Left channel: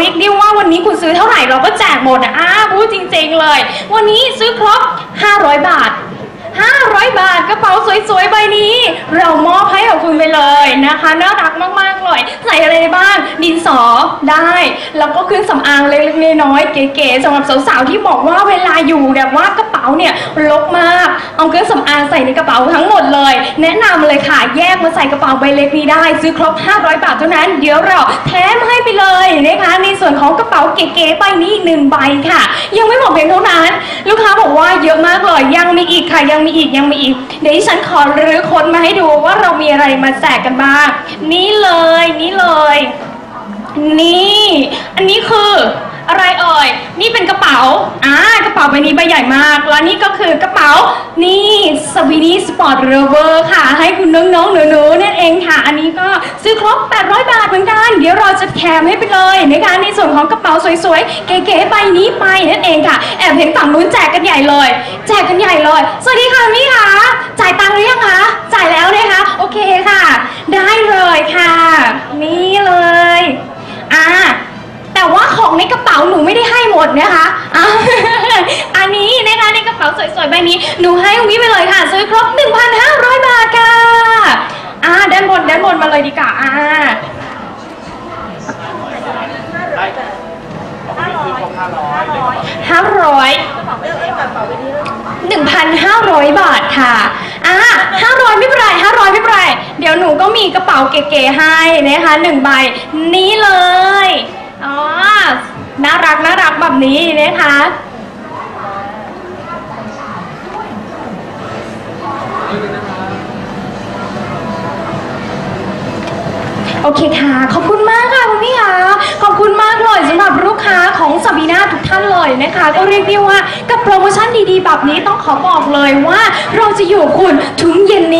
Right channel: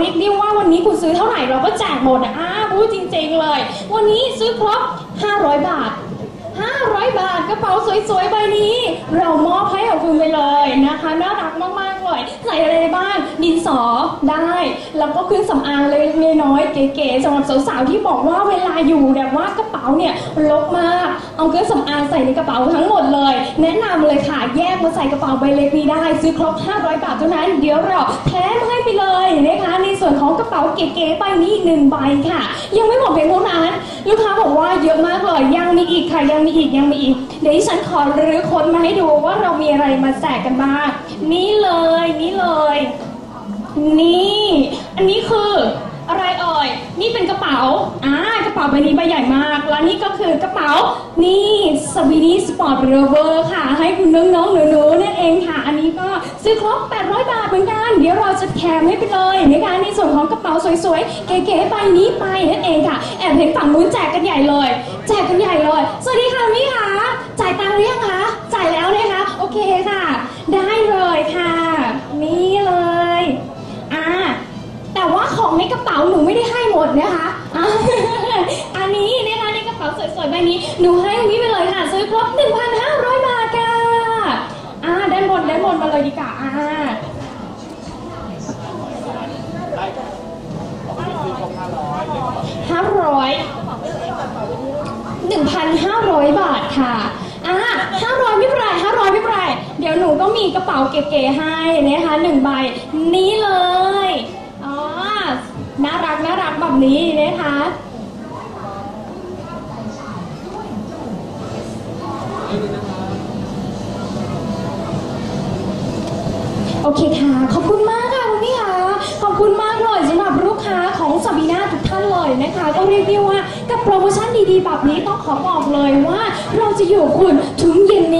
เรียกได้ว่าวันนี้คุณซื้อเท่าไหร่เราก็แจกหมดนะอ้าพูดจริง ๆ เลย วันนี้ซื้อครบ 500 บาท 500 บาทกระเป๋าสวยๆใบนี้ เรามอบ คุณไปเลยนะคะน่ารักมากๆเลยใส่อะไรบ้างดินสอได้ แล้วก็เครื่องสำอางเล็กๆน้อยๆเก๋ๆสำหรับสาวๆที่บอกว่าเวลาอยู่แบบว่ากระเป๋าเนี่ยรกมาก เอาเครื่องสำอางใส่ในกระเป๋าทั้งหมดเลย แนะนำเลยค่ะแยกมาใส่กระเป๋าใบเล็กนี้ได้ ซื้อครบ 500 บาทเท่านั้น เดี๋ยวเราแถมให้ไปเลยนะคะในส่วนของกระเป๋าเก๋ๆใบนี้อีกหนึ่งใบค่ะ ยังไม่หมดเพียงเท่านั้น ลูกค้าบอกว่าเยอะมากเลยยังมีอีกค่ะยังมีอีกยังมีอีก เดี๋ยวที่ฉันขอรื้อค้นมาให้ดูว่าเรามีอะไรมาแจกกันบ้าง นี่เลย นี่เลย นี่ อันนี้คือ อะไรเอ่ย นี่เป็นกระเป๋า อ่ากระเป๋าใบนี้ใบใหญ่มาก แล้วนี่ก็คือกระเป๋า นี่สวีนี่สปอร์ตเรเวอร์ค่ะ ให้คุณน้องๆหนูๆนั่นเองค่ะ อันนี้ก็ซื้อครบ 800 บาทเหมือนกัน เดี๋ยวเราจะแถมให้ไปเลยนะคะในส่วนของกระเป๋าสวยๆ เก๋ๆใบนี้ไปนั่นเองค่ะ แอบเห็นฝั่งนู้นแจกกันใหญ่เลย แจกกันใหญ่เลย สวัสดีค่ะพี่คะจ่ายตังค์หรือยังคะ จ่ายแล้วนะคะ โอเคค่ะ ได้เลยค่ะ นี่เลย อ่า แต่ว่าของในกระเป๋าหนูไม่ได้ให้หมดนะคะอะ อันนี้นะคะในกระ เป๋าสวยๆใบนี้ หนูให้วิไปเลยค่ะ ซื้อครบ 1,500 บาทค่ะอ่าด้านบนด้านบนมาเลยดีกว่าอ่าห้าร้อยหนึ่งพันห้าร้อยบาทค่ะอ่าห้าร้อยไม่เป็นไรห้าร้อยไม่เป็นไร เดี๋ยวหนูก็มีกระเป๋าเก๋ๆให้นะคะหนึ่งใบนี้เลย อ๋อ น่ารักน่ารักแบบนี้นะคะ โอเคค่ะ ขอบคุณมากค่ะคุณพี่ค่ะ ขอบคุณมากเลยสำหรับลูกค้าของซาบีนาทุกท่านเลยนะคะ ก็เรียกได้ว่ากับโปรโมชั่นดีๆ แบบนี้ต้องขอบอกเลยว่า เราจะอยู่คุณถึงเย็นนี้